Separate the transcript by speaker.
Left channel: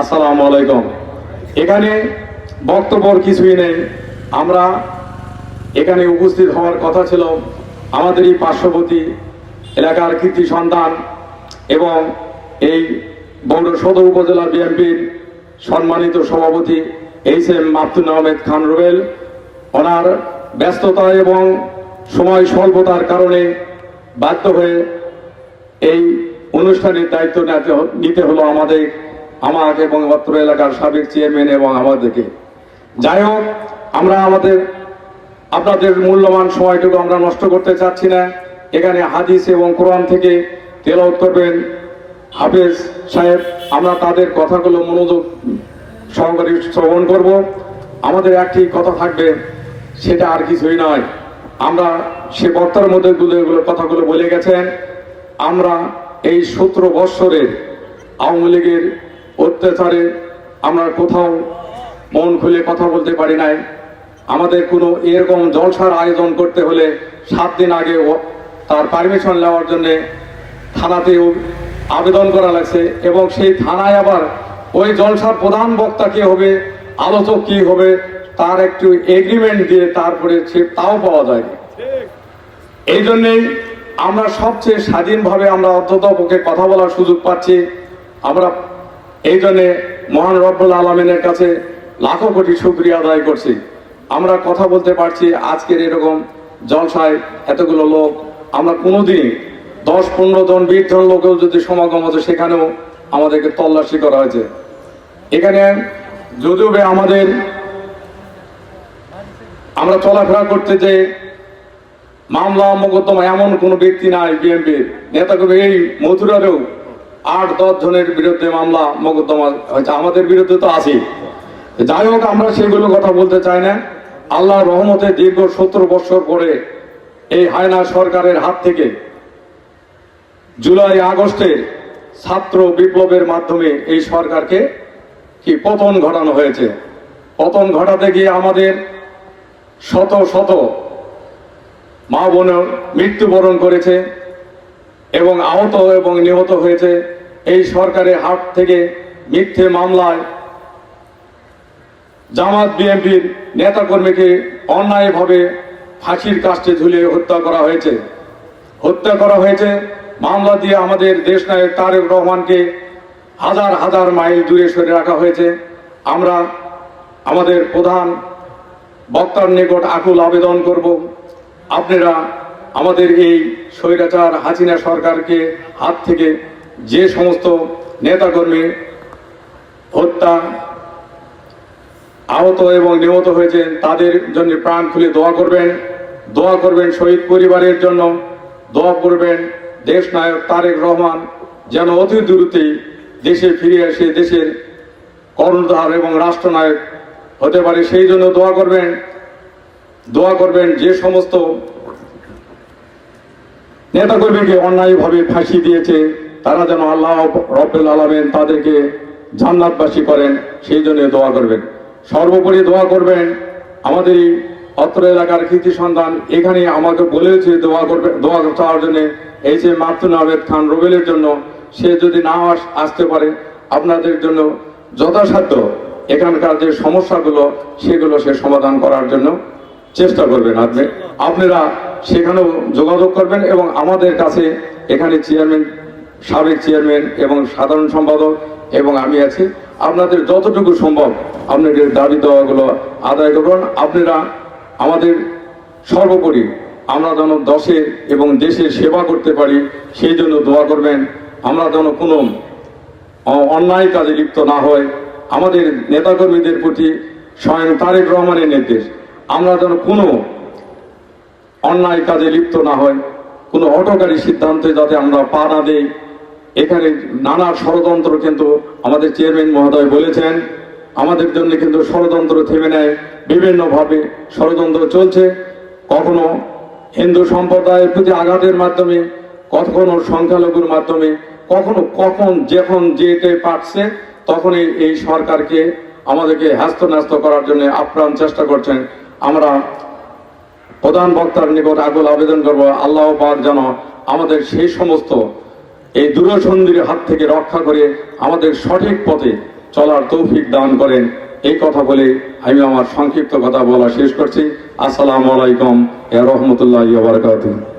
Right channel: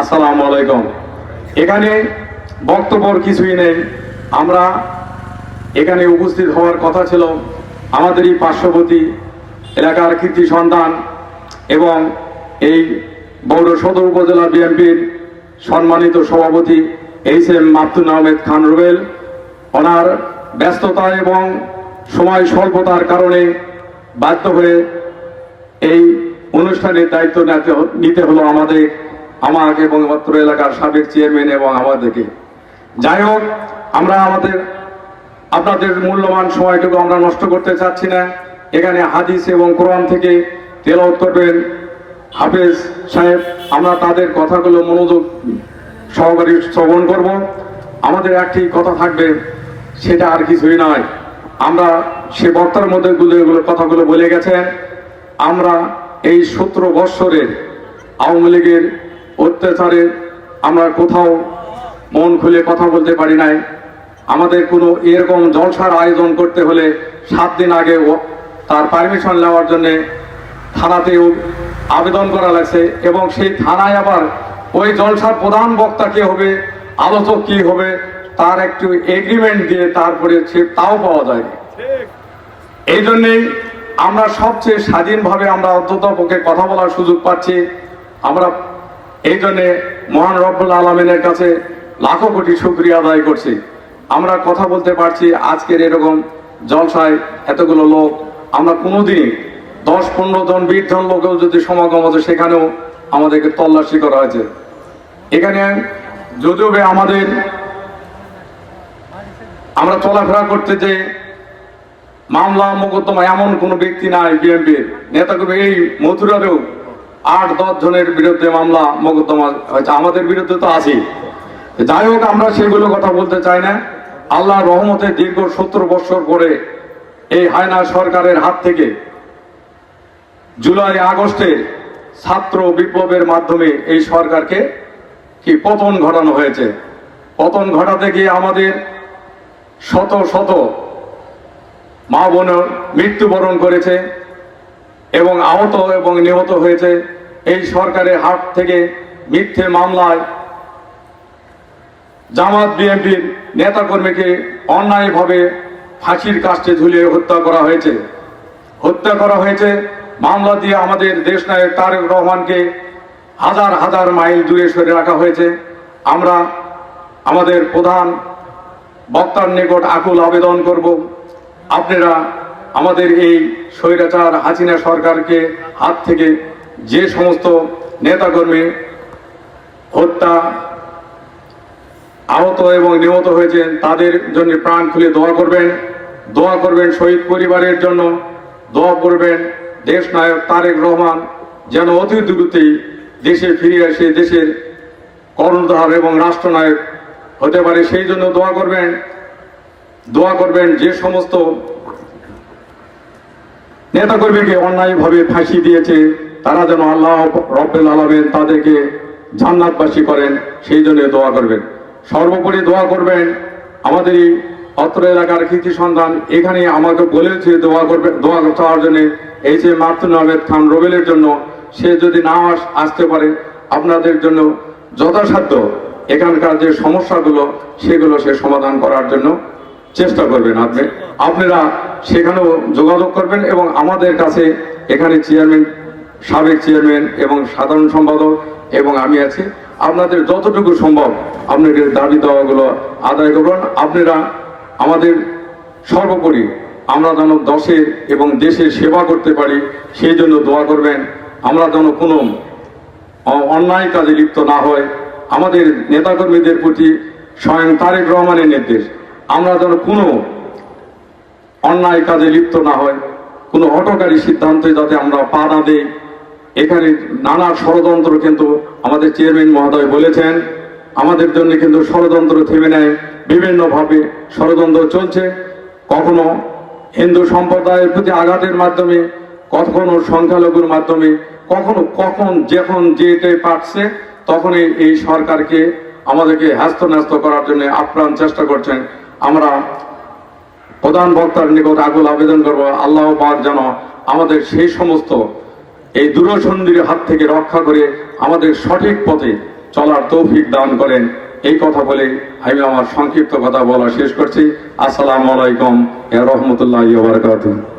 Speaker 1: আসসালামু আলাইকুম। এখানে বক্তব্য কিছুই নেই। আমরা এখানে উপস্থিত হওয়ার কথা ছিল আমাদেরই পার্শ্ববর্তী এলাকার কৃতি সন্তান এবং এই বৌর সদর উপজেলা বিএনপির সম্মানিত সভাপতি এইচ এম মাহতুল আহমেদ খান রুবেল। ওনার ব্যস্ততা এবং সময় স্বল্পতার কারণে বাধ্য হয়ে এই অনুষ্ঠানের দায়িত্ব নিতে হলো আমাদের আমাকে এবং অত্র এলাকার সাবেক চেয়ারম্যান এবং আমাদেরকে। যাই হোক, আমরা আমাদের, আপনাদের মূল্যবান সময়টুকু আমরা নষ্ট করতে চাচ্ছি না। এখানে হাদিস এবং কোরআন থেকে তেলাওয়াত করবেন। হাফেজ সাহেব, আমরা তাদের কথাগুলো মনোযোগ সহকারে শ্রবণ করব। আমাদের একটি কথা থাকবে, সেটা আর কিছুই নয়। আমরা সে বক্তার মধ্যে গুলো কথাগুলো বলে গেছেন। আমরা এই সতেরো বৎসরের আওয়ামী লীগের অত্যাচারে আমরা কোথাও মন খুলে কথা বলতে পারি নাই। আমাদের কোনো এরকম জলসার আয়োজন করতে হলে সাত দিন আগে তার পারমিশন নেওয়ার জন্য থানাতেও আবেদন করা লাগছে এবং সেই থানায় আবার ওই জলসার প্রধান বক্তা কে হবে, আলোচক কি হবে, তার একটু এগ্রিমেন্ট দিয়ে তারপরে সে তাও পাওয়া যায়। এই জন্যেই আমরা সবচেয়ে স্বাধীনভাবে আমরা অন্ততপক্ষে কথা বলার সুযোগ পাচ্ছি। আমরা এই জন্যে মহান রব্বুল আলমিনের কাছে লাখো কোটি শুক্রিয়া আদায় করছি। আমরা কথা বলতে পারছি আজকের এরকম জলসায় এতগুলো লোক। আমরা কোনোদিনই দশ পনেরো জন, বিশ জন লোকেও যদি সমাগম হতো সেখানেও আমাদেরকে তল্লাশি করা হয়েছে। এখানে যদিও আমাদের আমরা চলাফেরা করতে যে মামলা, মোকদ্দমা এমন কোনো ব্যক্তি নাই, বিএনপির। নেতা কর্মী এই মথুরারেও আট দশ জনের বিরুদ্ধে মামলা মোকদ্দমা হয়েছে। আমাদের বিরুদ্ধে তো আছেই। যাই হোক, আমরা সেগুলো কথা বলতে চাই না। আল্লাহ রহমতে দীর্ঘ সত্তর বছর পরে এই হায়না সরকারের হাত থেকে জুলাই আগস্টে ছাত্র বিপ্লবের মাধ্যমে এই সরকারকে কি পতন ঘটানো হয়েছে? পতন ঘটাতে গিয়ে আমাদের শত শত মা বোন মৃত্যুবরণ করেছে। এবং আহত এবং নিহত হয়েছে এই সরকারের হাত থেকে মিথ্যে মামলায় জামাত বিএনপির নেতাকর্মীকে অন্যায়ভাবে ফাঁসির কাস্টে ঝুলিয়ে হত্যা করা হয়েছে। হত্যা করা হয়েছে। মামলা দিয়ে আমাদের দেশ নায়ক তারেক রহমানকে হাজার হাজার মাইল দূরে সরে রাখা হয়েছে। আমরা আমাদের প্রধান বক্তার নিকট আকুল আবেদন করব। আপনারা আমাদের এই স্বৈরাচার হাসিনা সরকারকে হাত থেকে যে সমস্ত নেতাকর্মী হত্যা, আহত এবং নিহত হয়েছেন, তাদের জন্য প্রাণ খুলে দোয়া করবেন। দোয়া করবেন শহীদ পরিবারের জন্য। দোয়া করবেন দেশ নায়ক তারেক রহমান যেন অতি দ্রুতই দেশে ফিরে আসে দেশের কর্ণধার এবং রাষ্ট্রনায়ক হতে পারে। সেই জন্য দোয়া করবেন। দোয়া করবেন যে সমস্ত নেতাকর্মীকে অন্যায়ভাবে ফাঁসি দিয়েছে। তারা যেন আল্লাহ রব্বুল আলমেন তাদেরকে জান্নাতবাসী করেন, সেই জন্য দোয়া করবেন। সর্বোপরি দোয়া করবেন, আমাদের অত্র এলাকার কৃতি সন্তান, এখানে আমাকে বলেছে দোয়া করবে, দোয়া চাওয়ার জন্য। এই যে মাতুন আহমেদ খান রবেলের জন্য, সে যদি না আস- আসতে পারে। আপনাদের জন্য যথাসাধ্য এখানকার যে সমস্যাগুলো, সেগুলো সে সমাধান করার জন্য চেষ্টা করবেন আপনি। আপনারা সেখানেও যোগাযোগ করবেন এবং আমাদের কাছে এখানে চেয়ারম্যান সাবেক চেয়ারম্যান এবং সাধারণ সম্পাদক এবং আমি আছি। আপনাদের যতটুকু সম্ভব আপনাদের দাবি দেওয়াগুলো আদায় করবেন আপনারা আমাদের সর্বোপরি আমরা যেন দশের এবং দেশের সেবা করতে পারি, সেই জন্য দোয়া করবেন। আমরা যেন কোনো অন্যায় কাজে লিপ্ত না হয় আমাদের নেতাকর্মীদের প্রতি স্বয়ং তারেক রহমানের নির্দেশ। আমরা যেন কোনো অন্যায় কাজে লিপ্ত না হয়, কোনো হটকারী সিদ্ধান্তে যাতে আমরা পা না দেই, এখানে নানা ষড়যন্ত্র কিন্তু আমাদের চেয়ারম্যান মহোদয় বলেছেন। আমাদের জন্য কিন্তু ষড়যন্ত্র থেমে নেয়, বিভিন্নভাবে ষড়যন্ত্র চলছে। কখনো হিন্দু সম্প্রদায়ের প্রতি আঘাতের মাধ্যমে, কখনো সংখ্যালঘুর মাধ্যমে, কখনো কখন যখন যেতে পারছে, তখনই এই সরকারকে আমাদেরকে হ্যাস্ত করার জন্য আপ্রাণ চেষ্টা করছেন। আমরা প্রধান বক্তার নিকট আগুল আবেদন করব, আল্লাহ পাক যেন আমাদের সেই সমস্ত এই দূরসন্ধির হাত থেকে রক্ষা করে আমাদের সঠিক পথে চলার তৌফিক দান করেন। এই কথা বলে আমি আমার সংক্ষিপ্ত কথা বলা শেষ করছি। আসসালামু আলাইকুম রহমতুল্লাহ বারকাতুহ।